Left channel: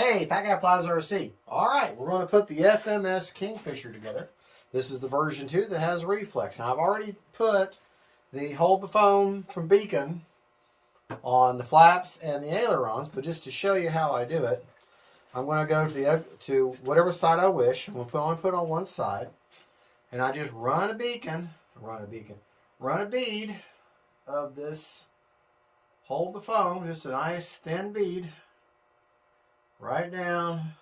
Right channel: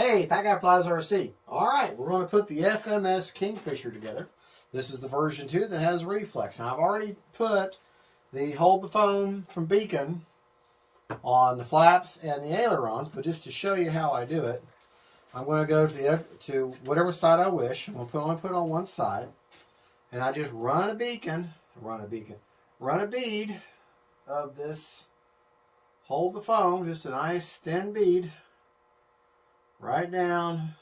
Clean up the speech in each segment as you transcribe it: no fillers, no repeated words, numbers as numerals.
Hey, Fat Guy Flies RC. All right, we're going to put the FMS Kingfisher together. This is the version 2 that has reflex. Now, I've already put the hold the phone from beacon on the flaps and the ailerons, but just to show you how I do it, I'm going to go to whatever side I wish. I'm going to only put it on one side, and I just run a bead of this hold the phone, just a nice thin bead, right down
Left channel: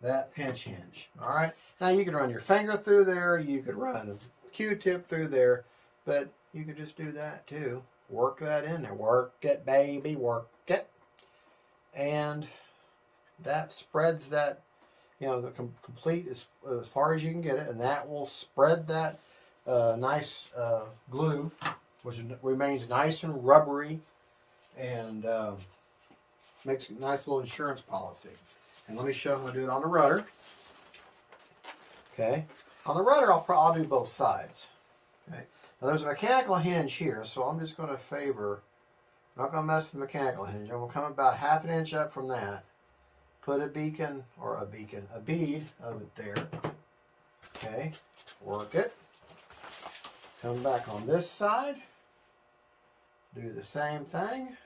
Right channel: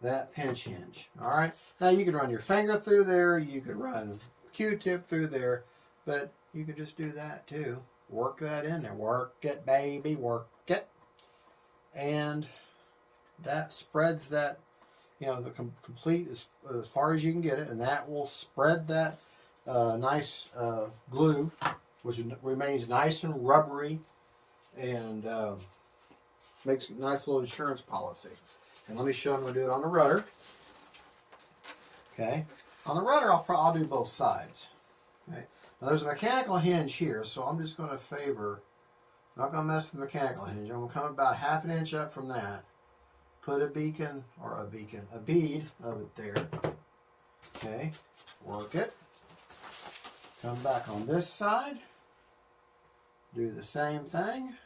that pinch hinge. All right. Now you could run your finger through there. You could run a Q-tip through there, but you could just do that too. Work that in there. Work it, baby. Work it. And that spreads that, the complete as far as you can get it, and that will spread that nice glue, which remains nice and rubbery, and makes a nice little insurance policy. And let me show you, I'm going to do it on the rudder. Okay. On the rudder, I'll do both sides. Okay. Now there's a mechanical hinge here, so I'm just going to favor, not going to mess with the mechanical hinge. I'm going to come about ½ inch up from that. Put a bead of it there. Okay. Work it. Come back on this side. Do the same thing.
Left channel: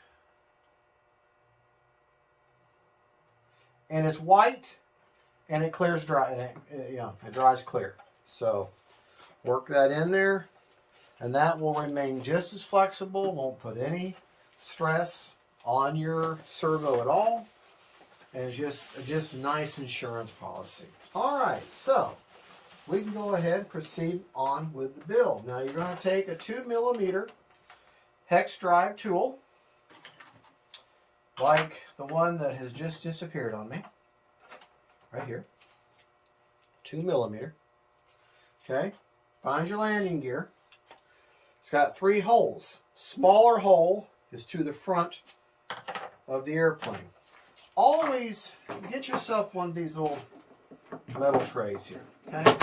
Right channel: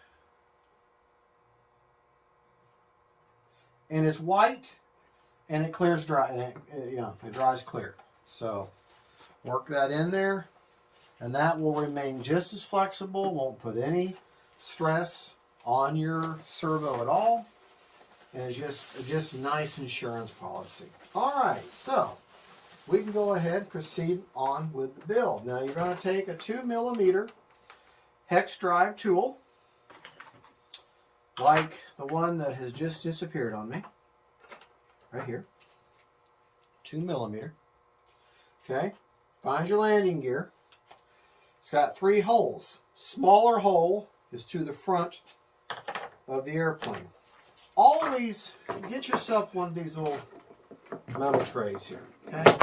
And it's white, and it clears dry, and it dries clear. So work that in there, and that will remain just as flexible. Won't put any stress on your servo at all, and just nice insurance policy. All right, so we can go ahead and proceed on with the build. Now you're going to take a 2mm hex drive tool, like the one that has just disappeared on me, right here, 2mm. Okay, find your landing gear. It's got 3 holes. Smaller hole is to the front of the airplane. Always get yourself one of these little metal trays here. Okay,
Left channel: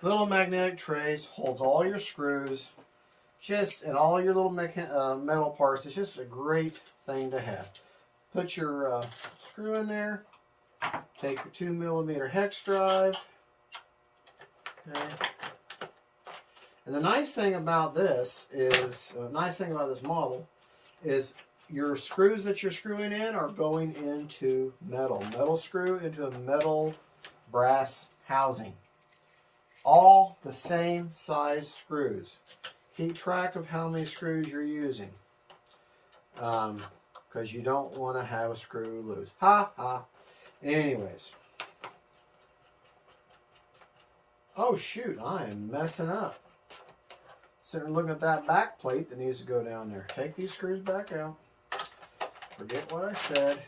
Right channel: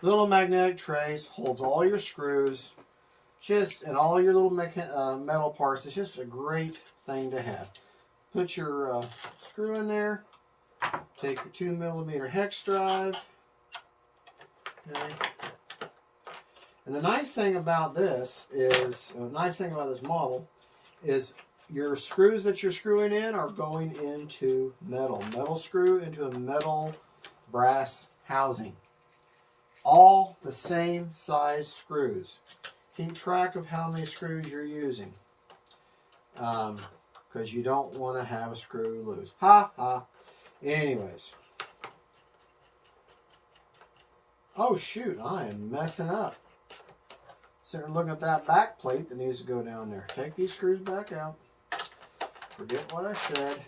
little magnetic trays, holds all your screws, and all your little metal parts. It's just a great thing to have. Put your screw in there. Take your 2mm hex drive. Okay. And the nice thing about this model is your screws that you're screwing in are going into metal. Metal screw into a metal brass housing. All the same size screws. Keep track of how many screws you're using. Because you don't want to have a screw loose. Ha ha. Anyways. Oh shoot, I am messing up. Sitting there looking at that back plate that needs to go down there. Take these screws back out. Forget what I said.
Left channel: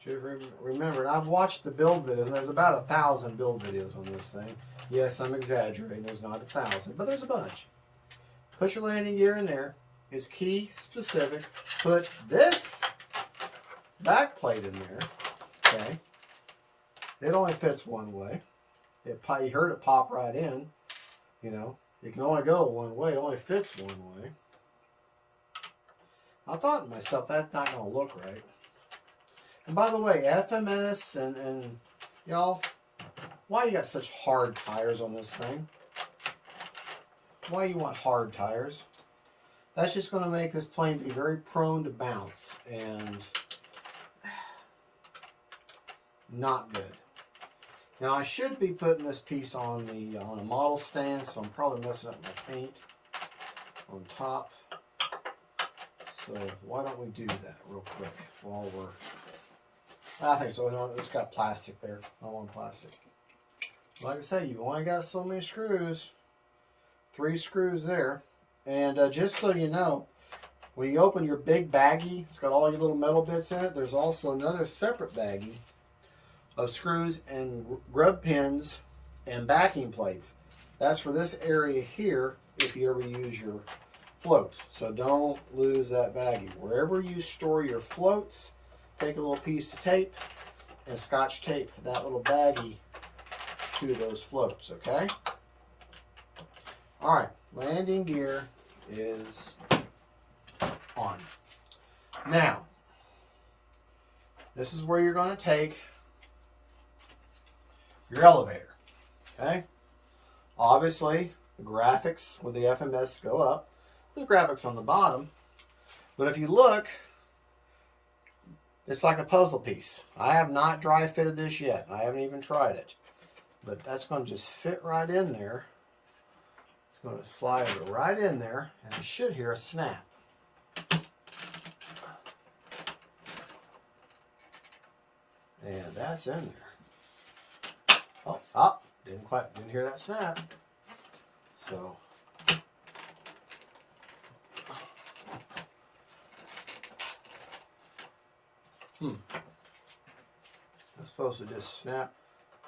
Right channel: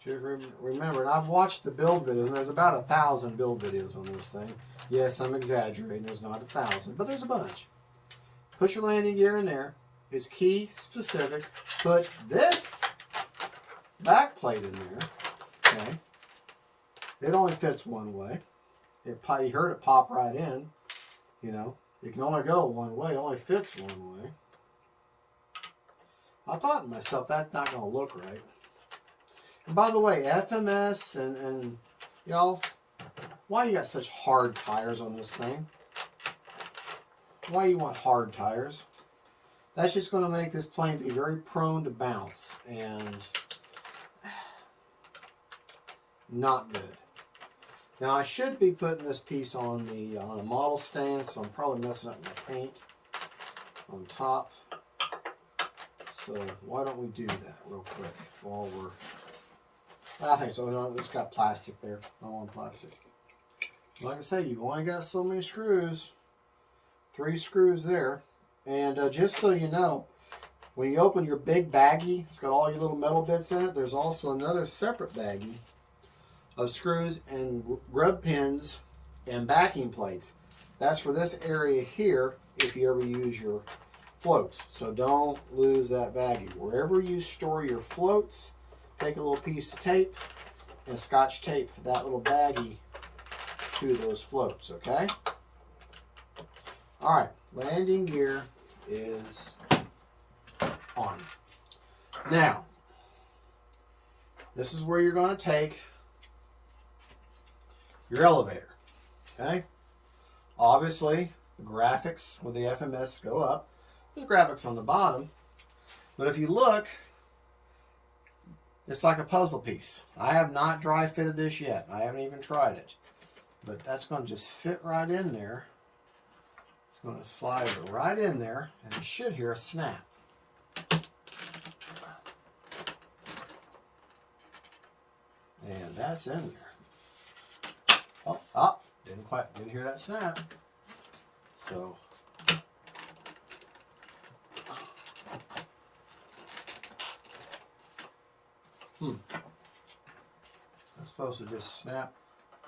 Just remember, and I've watched the build videos. There's about 1,000 build videos on this thing. Yes, I'm exaggerating. There's not 1,000, but there's a bunch. Put your landing gear in there. It's key specific. Put this back plate in there. Okay. It only fits one way. You heard it pop right in. It can only go one way. It only fits one way. I thought to myself, that's not going to look right. And by the way, FMS and y'all, why you got such hard tires on this thing? Why you want hard tires? That's just going to make this plane be very prone to bounce and not good. Now I should be putting this piece on a model stand, so I'm probably messing up my paint on top. So why don't we do that real quick while I think so. It's got plastic there. I want plastic. Like I say, you've only got so many screws. 3 screws there. And just so you know, when you open your big baggie, it's got all your little metal bits in it. There's also another separate baggie of screws and grub pins and backing plates. That's for this area here if you ever use your floats. So don't lose that baggie. Wherever you store your floats, take a little piece of tape and scotch tape that little baggie to those floats, okay? All right, landing gear is on. Now, this is where you're going to take your elevator. Okay? Obviously, the graphics with the FMS go up. There's graphics on the bottom. But if you look, it's like a puzzle piece. I have not dry fitted this yet. I haven't even tried it. But that's going to just fit right in there. It's going to slide right in there, and you should hear a snap. And that's in there. Oh, didn't hear that snap. So I'm supposed to just snap.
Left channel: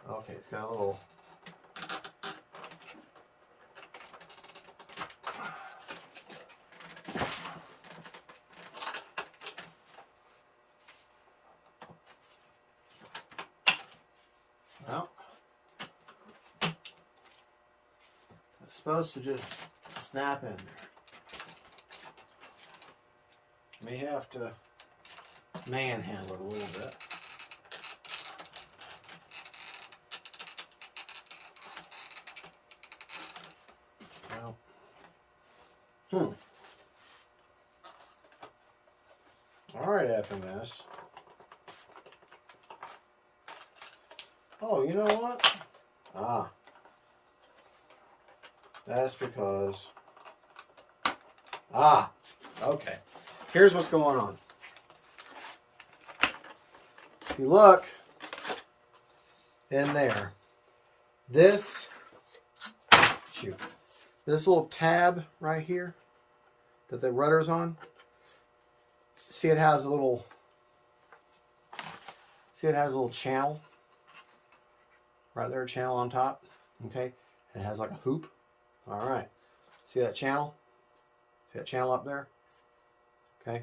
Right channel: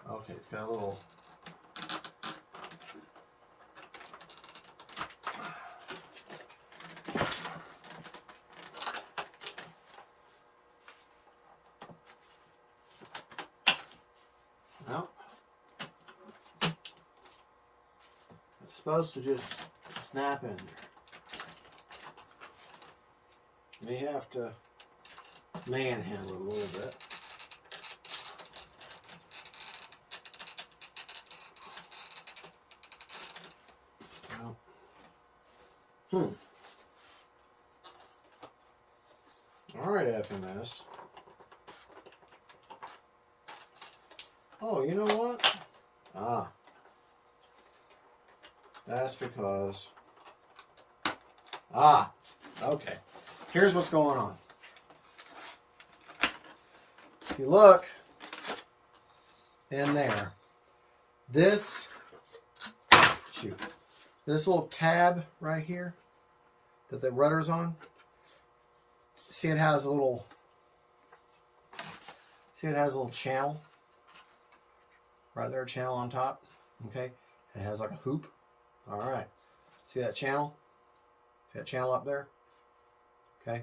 Okay, it's got a little. Well, it's supposed to just snap in there. May have to manhandle it a little bit. Well, all right, FMS. Oh, you know what? That's because. Okay. Here's what's going on. If you look in there, this little tab right here that the rudder's on, see it has a little channel right there, a channel on top. Okay, and it has like a hoop. All right, see that channel? See that channel up there? Okay,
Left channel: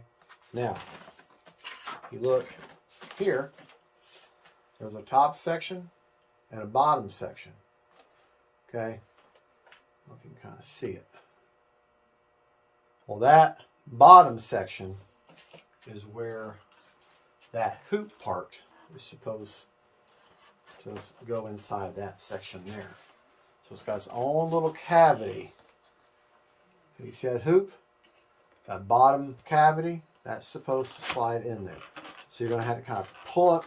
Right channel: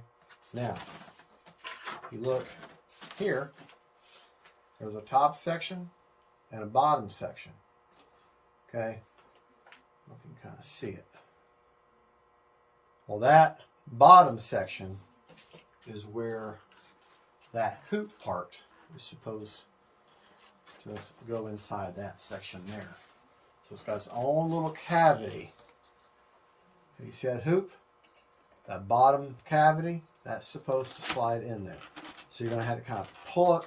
now if you look here, there's a top section and a bottom section. Okay, you can kind of see it. Well, that bottom section is where that hoop part is supposed to go inside that section there. So it's got its own little cavity. You see that hoop? That bottom cavity, that's supposed to slide in there. So you're going to have to kind of pull up.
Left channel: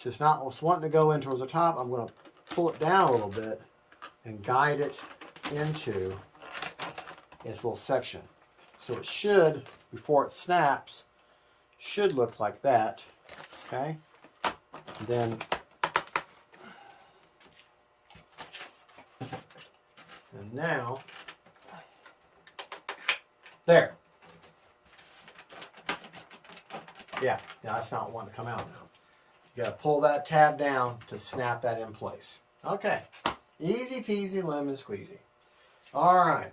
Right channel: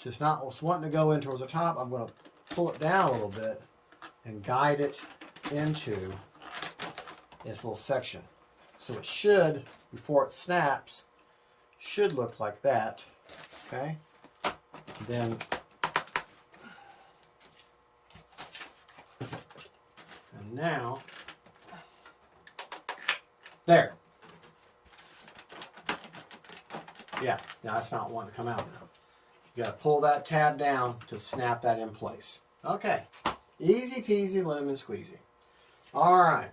Just not what's wanting to go in towards the top. I'm going to pull it down a little bit and guide it into its little section. So it should, before it snaps, should look like that. Okay? Then and now there. Yeah, that's not wanting to come out now. You got to pull that tab down to snap that in place. Okay. Easy peasy lemon squeezy. All right.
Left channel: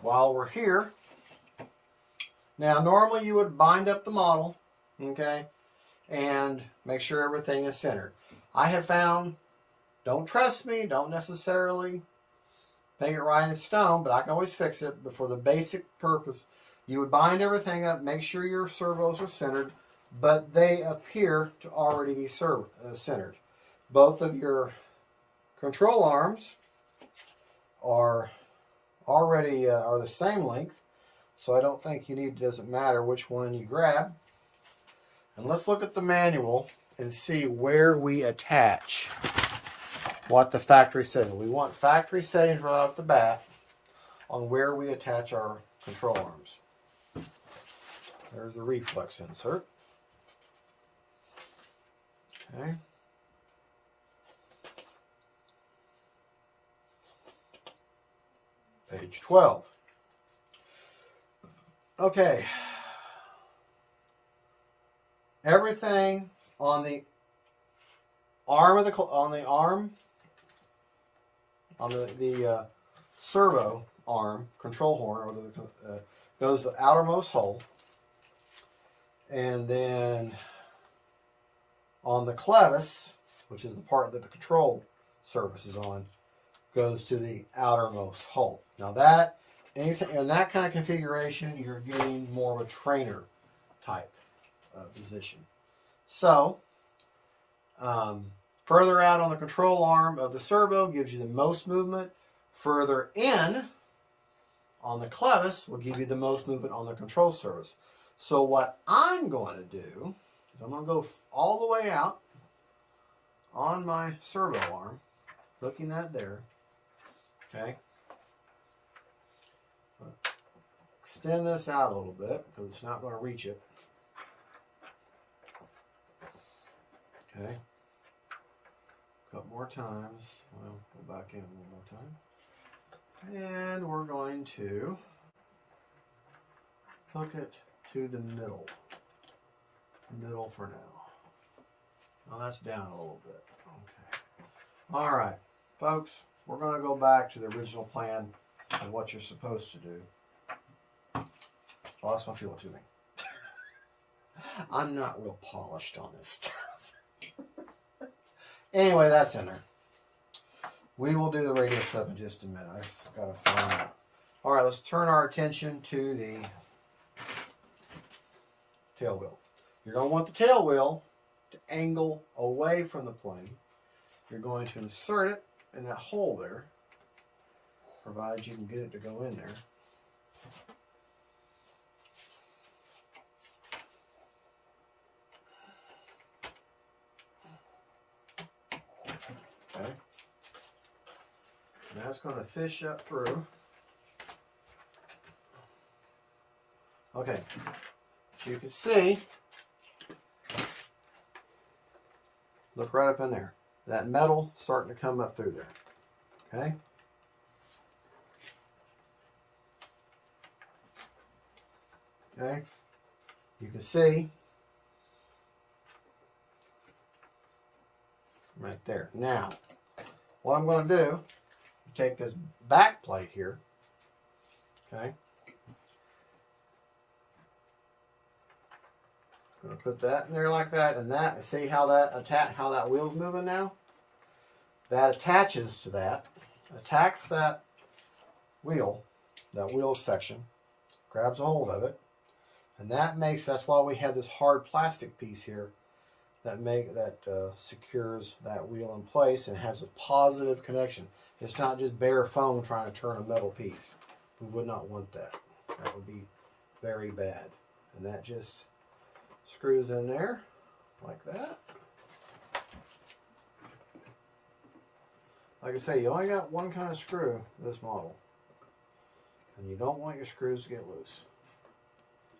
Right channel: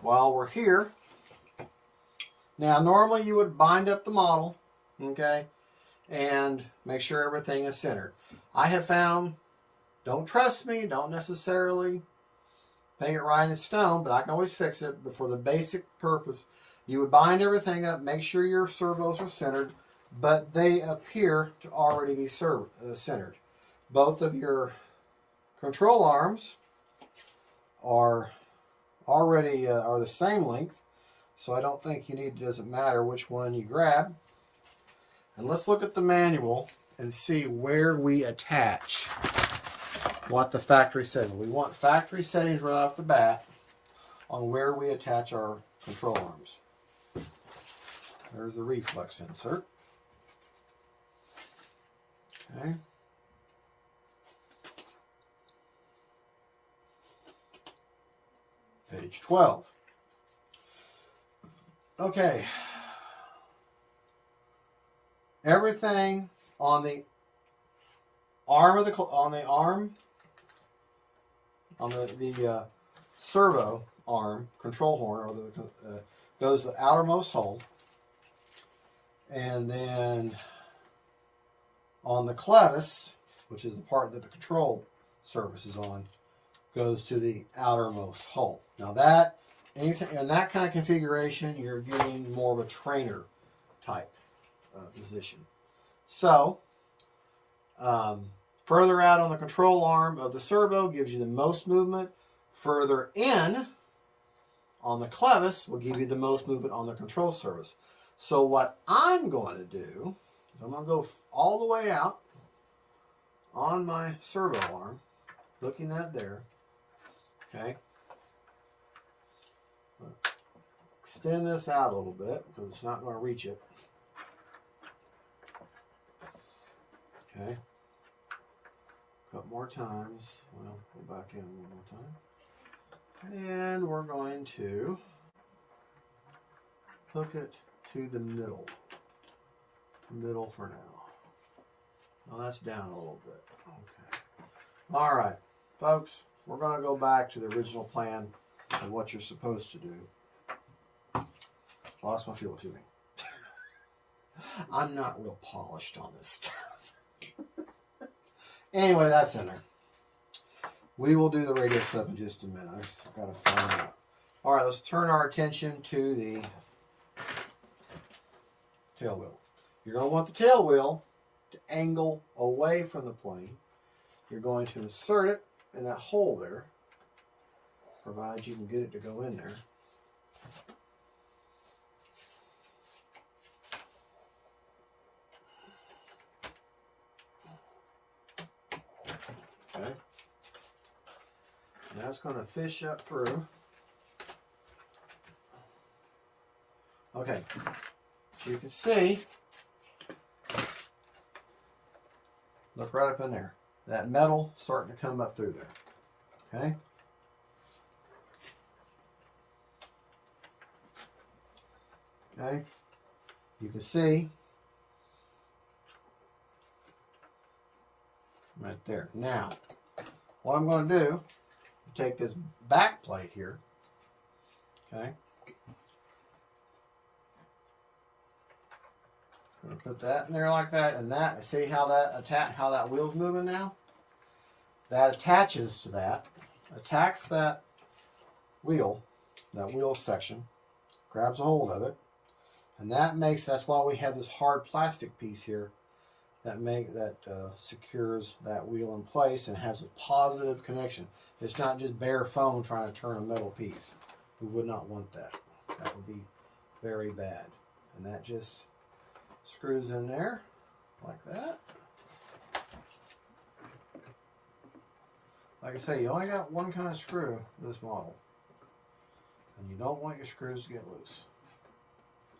While we're here, now normally you would bind up the model, okay, and make sure everything is centered. I have found, don't trust me, don't necessarily make it right in stone, but I can always fix it. But for the basic purpose, you would bind everything up, make sure your servos are centered, but they appear to already be centered. Both of your control arms are already are the same length, so I don't think it doesn't matter which one you grab. And let's look at the manual and see where we attach what the factory says. We want factory settings right off the bat on where we attach our control arms. There's the reflex insert. Okay. Page 12. Okay. Everything on the arm of the servo arm, control horn, or the goes the outermost hole, and then on the clevis, which is the part that the control surface is on, goes to the outermost hole. Now that anything in that kind of configuration, you're getting more of a trainer type position. So, further out on the control arm of the servo gives you the most movement. Further in on the clevis will give you the most movement on the control surface. So what I'm going to do is I'm going to go all the way out on my servo arm, hooking that there. Okay. Extend this out a little bit because it's not going to reach it. Okay. A couple more times. Well, go back in one more time. And we're going to hook it to the middle. Middle for now. Now that's down a little bit. Okay. All right, folks, we're going to go back to the original plan of what you're supposed to do. Oh, that's my fuel tubing. I'm not real polished on this stuff. Anyway, that's in there. We will do the radio stuff in just a minute. I just got to find out. All right, let's turn our attention to the tail wheel. You're going to want the tail wheel to angle away from the plane. You're going to insert it in that hole there, provided you can get it to go in there. Okay. Now it's going to fish up through. Okay. You can see, look right up in there. That metal starting to come up through there. Okay. Okay. You can see right there. Now, what I'm going to do, take this back plate here. Okay. Gonna put that in there like that, and that. See how that wheel's moving now? That attaches to that, attacks that wheel section, grabs a hold of it, and that's why we have this hard plastic piece here that secures that wheel in place and has a positive connection. It's not just bare foam trying to turn a metal piece. We would not want that. That would be very bad. And that just screws in there like that. Like I say, you only got one kind of screw in this model, and you don't want your screws to get loose.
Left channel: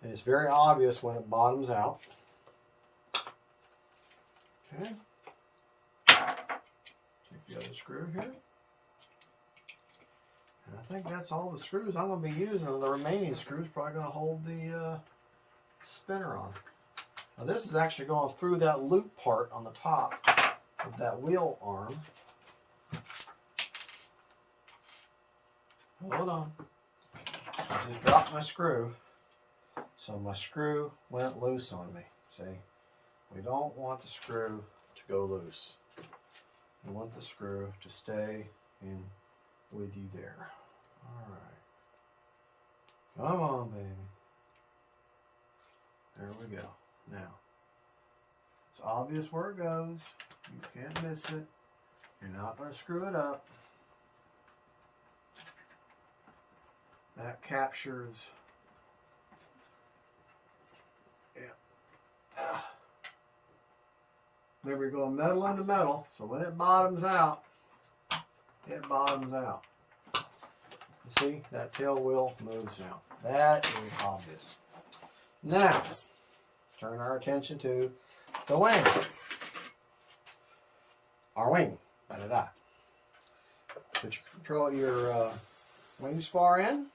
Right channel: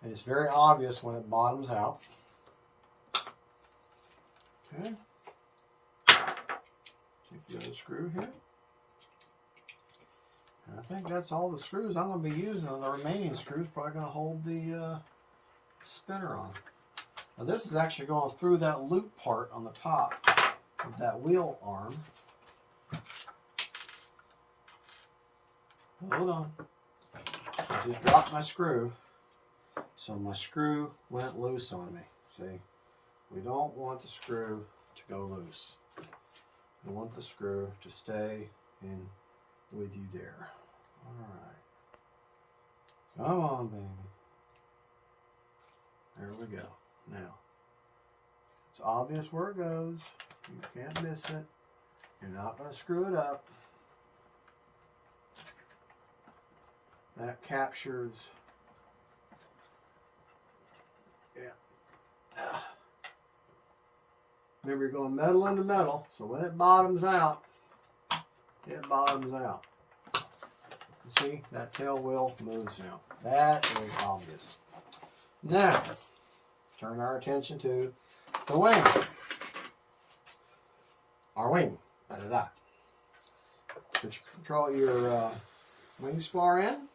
And it's very obvious when it bottoms out. Okay. Take the other screw here. And I think that's all the screws I'm going to be using. The remaining screws probably going to hold the spinner on. Now this is actually going through that loop part on the top of that wheel arm. Hold on. I just dropped my screw. So my screw went loose on me. See? We don't want the screw to go loose. We want the screw to stay in with you there. All right. Come on, baby. There we go. Now, it's obvious where it goes. You can't miss it. You're not going to screw it up. That captures. Yeah. Remember, you're going metal into metal, so when it bottoms out, it bottoms out. See, that tail wheel moves now. That is obvious. Now, turn our attention to the wing. Our wing. Da-da-da. Put your wing spar in.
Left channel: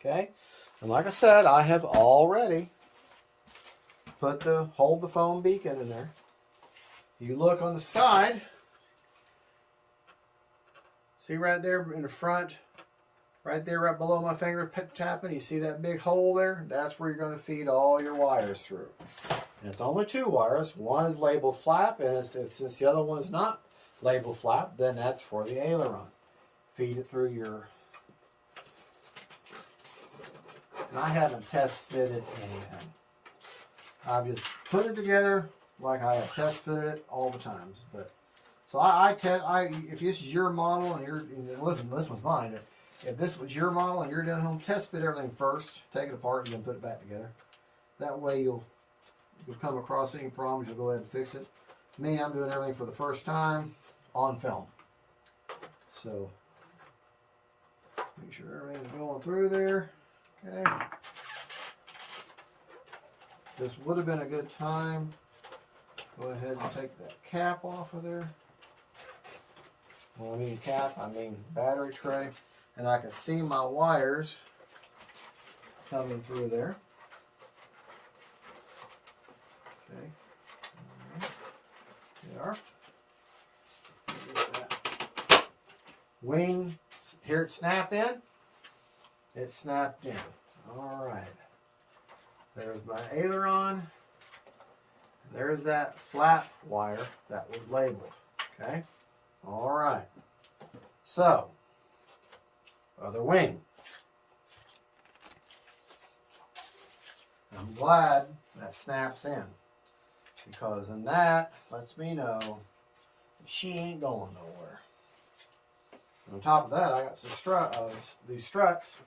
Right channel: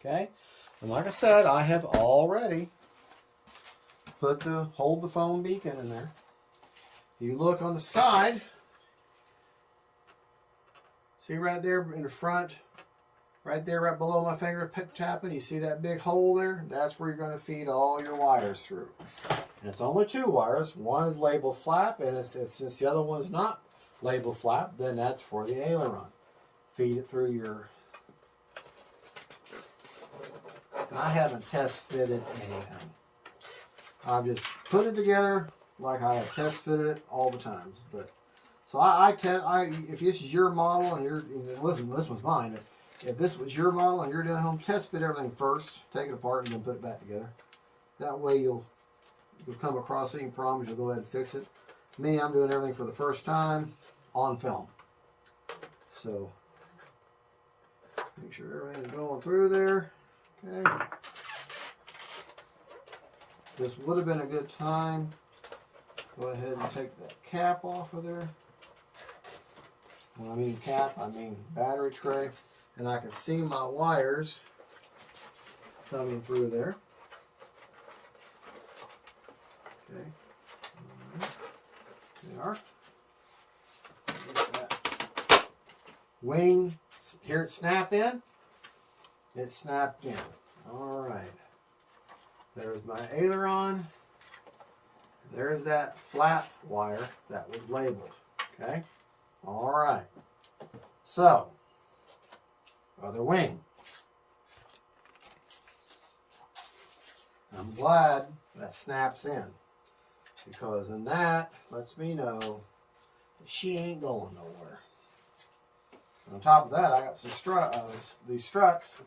Okay. And like I said, I have already hold the foam beacon in there. You look on the side. See right there in the front, right there, right below my finger tapping, you see that big hole there? That's where you're going to feed all your wires through. And it's only 2 wires. One is labeled flap, and since the other one is not labeled flap, then that's for the aileron. Feed it through your... And I haven't test fitted anything. I've just put it together like I have test fitted it all the times. But so if this is your model and listen, this was mine. If this was your model and you're doing home, test fit everything first, take it apart, and then put it back together. That way you'll come across any problems, you'll go ahead and fix it. Me, I'm doing everything for the first time on film. So make sure everything's going through there. Okay. This would have been a good time. Go ahead and take that cap off of there. When I mean cap, I mean battery tray. And I can see my wires coming through there. Okay. All right. They are. Get that wing. Hear it snap in? It snapped in. All right. There's my aileron. There's that flat wire that was labeled. Okay. All right. So, other wing. I'm glad that snaps in, because then that lets me know she ain't going nowhere. And on top of that, I got some these struts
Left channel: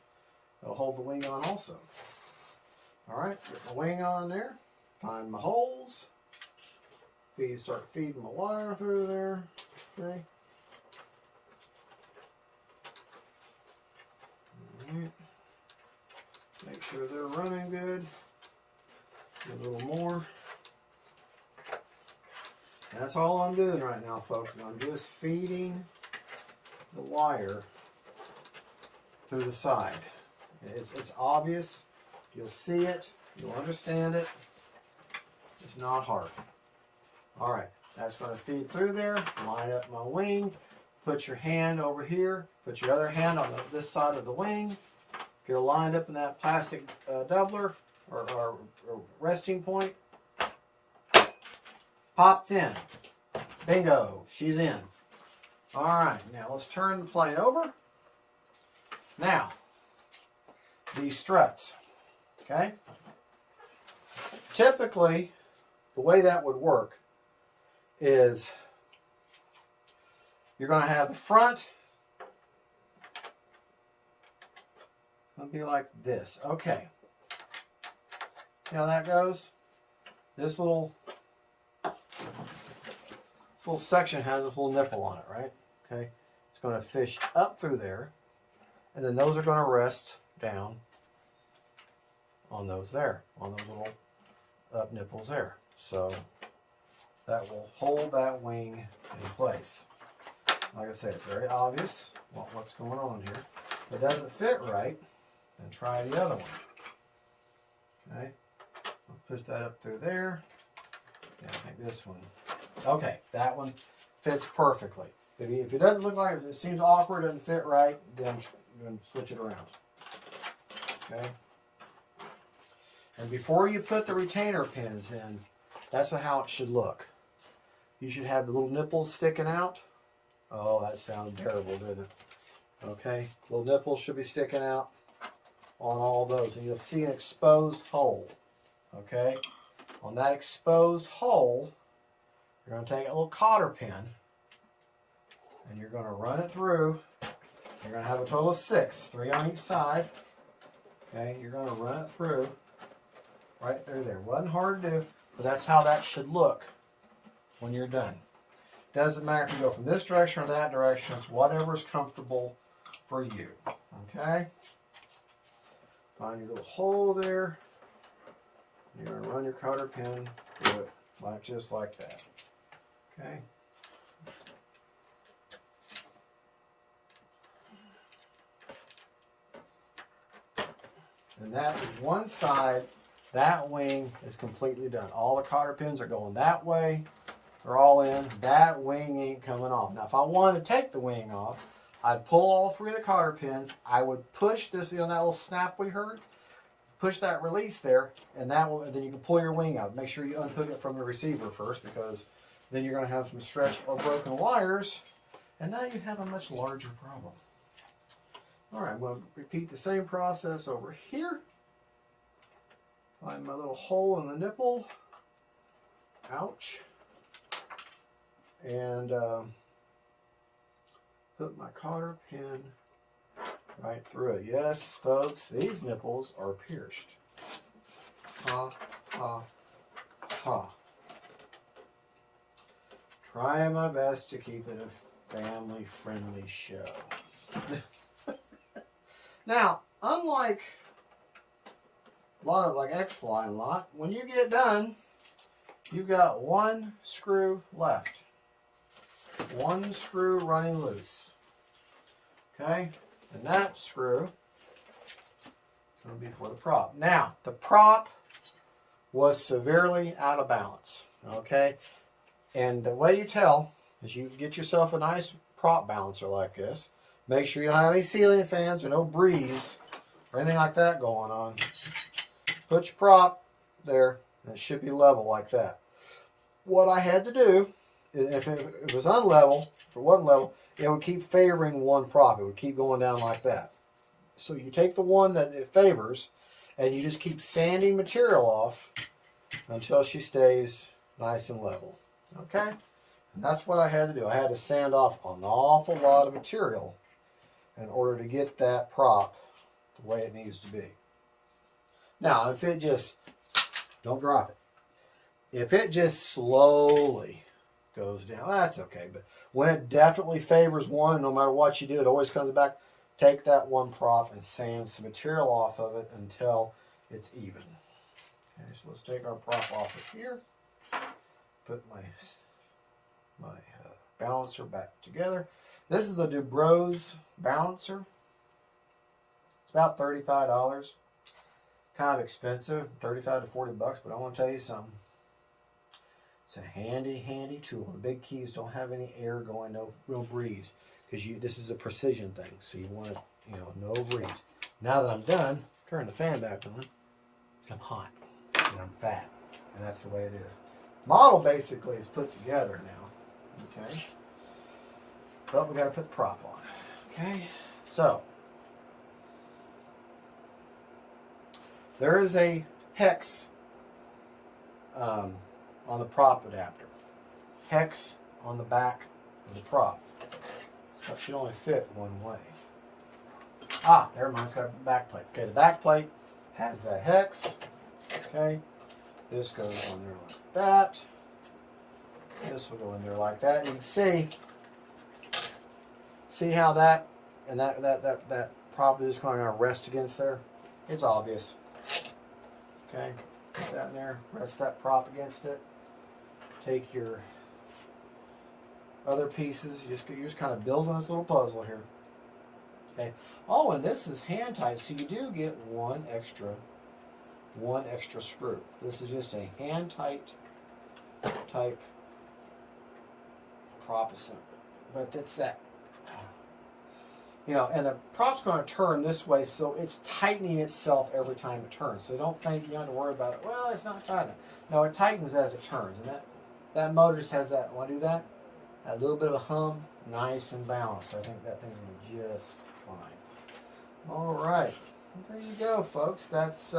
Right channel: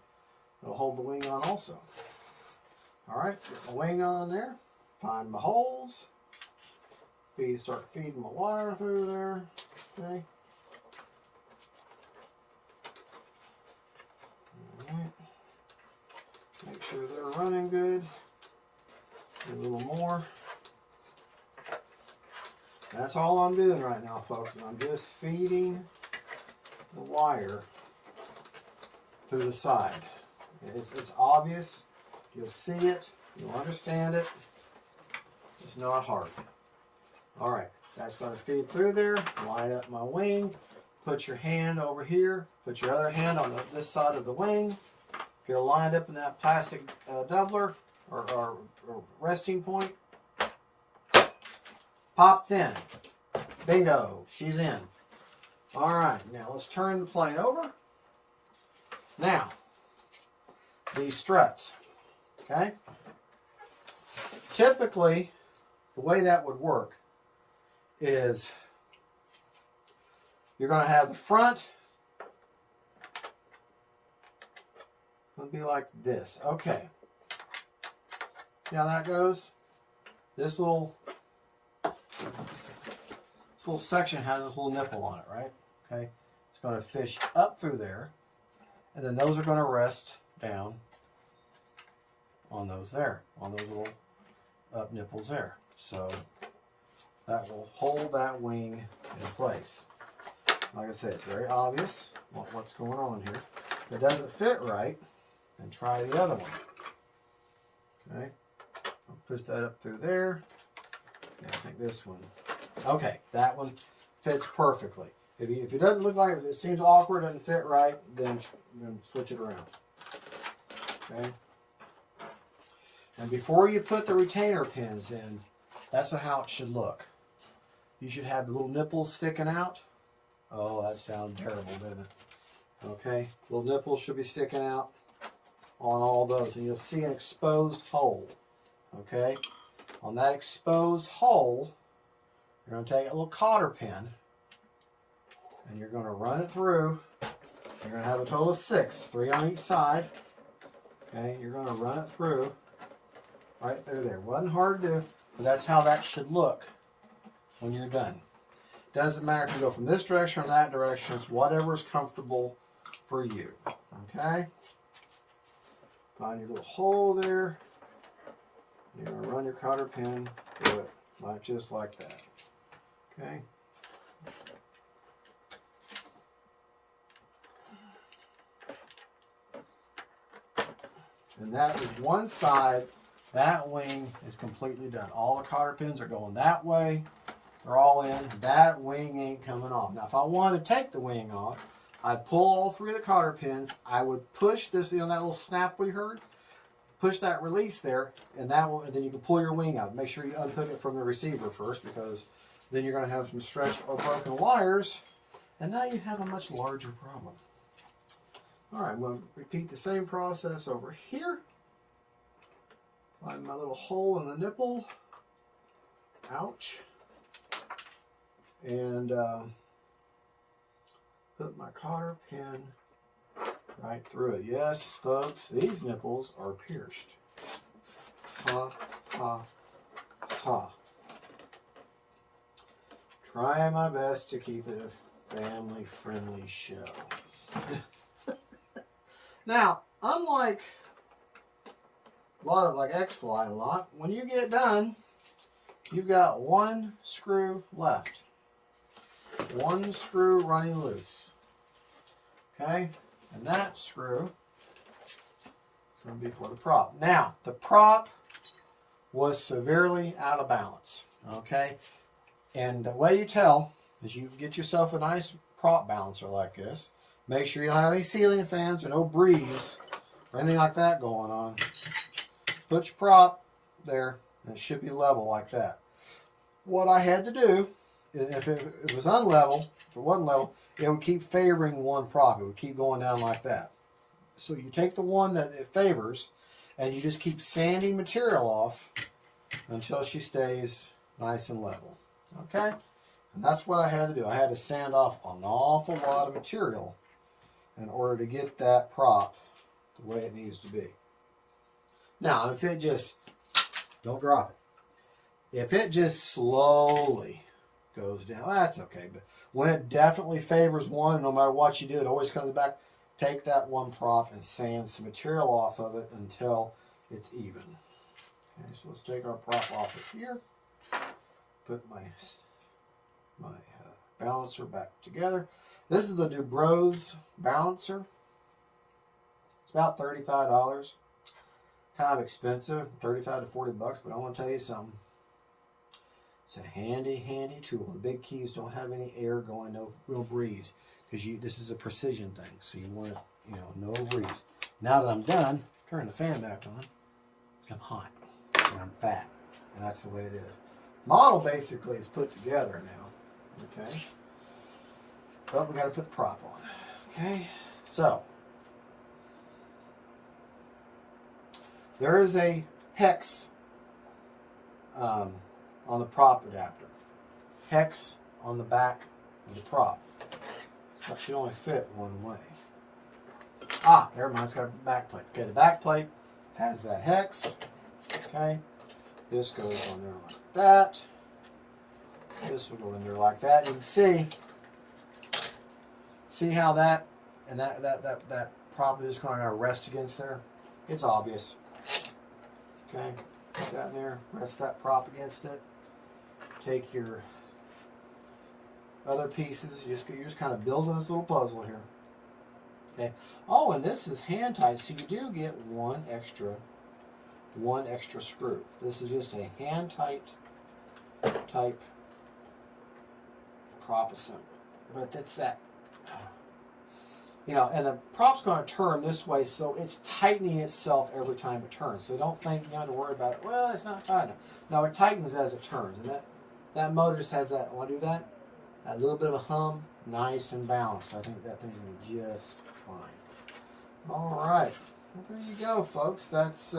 that'll hold the wing on also. All right, get my wing on there, find my holes, start feeding my wire through there. Okay. All right. Make sure they're running good. A little more. That's all I'm doing right now, folks. I'm just feeding the wire through the side. It's obvious. You'll see it. You'll understand it. It's not hard. All right. That's going to feed through there. Line up my wing. Put your hand over here. Put your other hand on this side of the wing. Get it lined up in that plastic doubler or resting point. Pops in. Bingo. She's in. All right. Now let's turn the plane over. Now, these struts. Okay. Typically, the way that would work is you're going to have the front. It'll be like this. Okay. See how that goes? This little section has this little nipple on it, right? Okay. It's going to fish up through there. And then those are going to rest down on those there, on those little up nipples there. So that will hold that wing in place. Like I say, it's very obvious what's going on here. If it doesn't fit right, then try the other one. Okay. I'll push that up through there. Yeah, I think this one. Okay, that one fits perfectly. If it doesn't look like it seems awkward, doesn't fit right, then switch it around. Okay. And before you put the retainer pins in, that's how it should look. You should have the little nipples sticking out. Oh, that sounds terrible, doesn't it? Okay, little nipples should be sticking out on all those, and you'll see an exposed hole. Okay, on that exposed hole, you're going to take a little cotter pin, and you're going to run it through. You're going to have a total of 6, 3 on each side. Okay, you're going to run it through right through there. Wasn't hard to do, but that's how that should look when you're done. Doesn't matter if you go from this direction or that direction. It's whatever is comfortable for you. Okay? Find your little hole there. You're going to run your cotter pin through it, just like that. Okay? And that is one side. That wing is completely done. All the cotter pins are going that way. They're all in. That wing ain't coming off. Now, if I wanted to take the wing off, I'd pull all 3 of the cotter pins. I would push this, that little snap we heard. Push that release there, and and then you can pull your wing out. Make sure you unhook it from the receiver first, because then you're going to have some stretched or broken wires, and now you have a much larger problem. All right, I'm going to repeat the same process over here. Find my little hole in the nipple. Ouch. And put my cotter pin right through it. Yes, folks, these nipples are pierced. Ha, ha, ha. Trying my best to keep it a family-friendly show. Now, unlike a lot of like X-Fly lock, when you get done, you've got one screw left. One screw running loose. Okay? And that screw is going to be for the prop. Now, the prop was severely out of balance. Okay? And the way you tell is you get yourself a nice prop balancer like this. Make sure you don't have any ceiling fans or no breeze or anything like that going on. Put your prop there, and it should be level like that. What I had to do, if it was unlevel, if it wasn't level, it would keep favoring one prop. It would keep going down like that. So you take the one that it favors, and you just keep sanding material off until she stays nice and level. Okay? And that's what I had to do. I had to sand off an awful lot of material in order to get that prop the way it needs to be. Now, if it just, don't drop it. If it just slowly goes down, that's okay. But when it definitely favors one, no matter what you do, it always comes back. Take that one prop and sand some material off of it until it's even. Okay, so let's take our prop off of here. Put my balancer back together. This is the Dubro's balancer. It's about $35. Kind of expensive, 35 to 40 bucks, but I want to tell you something. It's a handy tool. The big keys don't have any air going, no breeze, because this is a precision thing. So you want it, no breeze. Now that I'm done, turn the fan back on. Because I'm hot and I'm fat, and that's the way it is. Model basically is put together now. Okay. But we got to put the prop on. Okay. So there is a hex on the prop adapter. Hex on the back of the prop. So it should only fit one way. Never mind. It's got a back plate. Okay, the back plate has that hex. Okay. This goes on there like that. This will go in there like that. You can see how that and that prop is going to rest against there. It's obvious. Okay, put that in there. Rest that prop against it. Take your other pieces. You're just kind of building this little puzzle here. Okay. Oh, and this is hand tight, so you do get one extra screw. This is just a hand tight type prop assembly. But it's that, and the prop's going to turn this way, so it's tightening itself every time it turns. So don't think you have to worry about it. Well, it's not tight enough. No, it tightens as it turns. And that motor just has that, want to do that? A little bit of a hum, nice and balanced. I think that thing's going to be just fine. All right. Well, there you go, folks. That's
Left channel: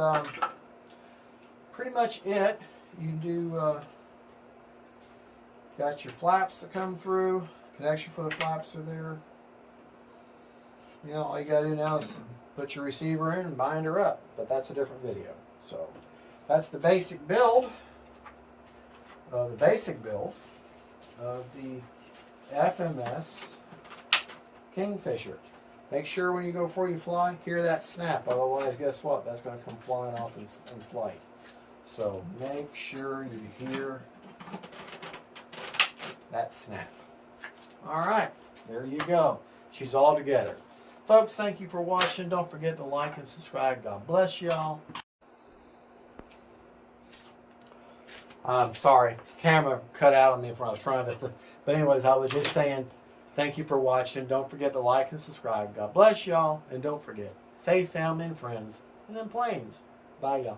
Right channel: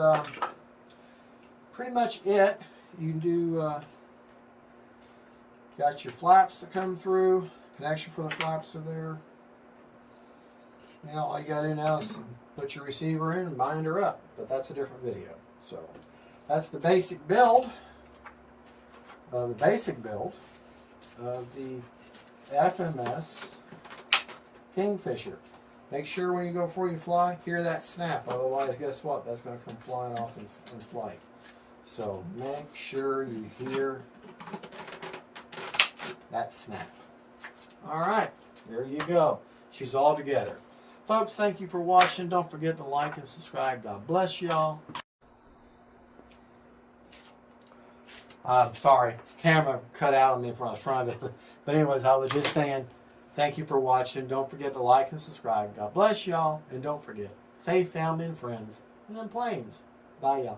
pretty much it. You can do, got your flaps that come through. Connection for the flaps are there. All you got to do now is put your receiver in and bind her up. But that's a different video. So that's the basic build. The basic build of the FMS Kingfisher. Make sure when you go before you fly, hear that snap. Otherwise, guess what? That's going to come flying off in flight. So make sure you hear that snap. All right, there you go. She's all together. Folks, thank you for watching. Don't forget to like and subscribe. God bless y'all. I'm sorry, camera cut out on me when I was trying to. But anyways, I was just saying, thank you for watching. Don't forget to like and subscribe. God bless y'all. And don't forget, faith, family, and friends, and then planes. Bye, y'all.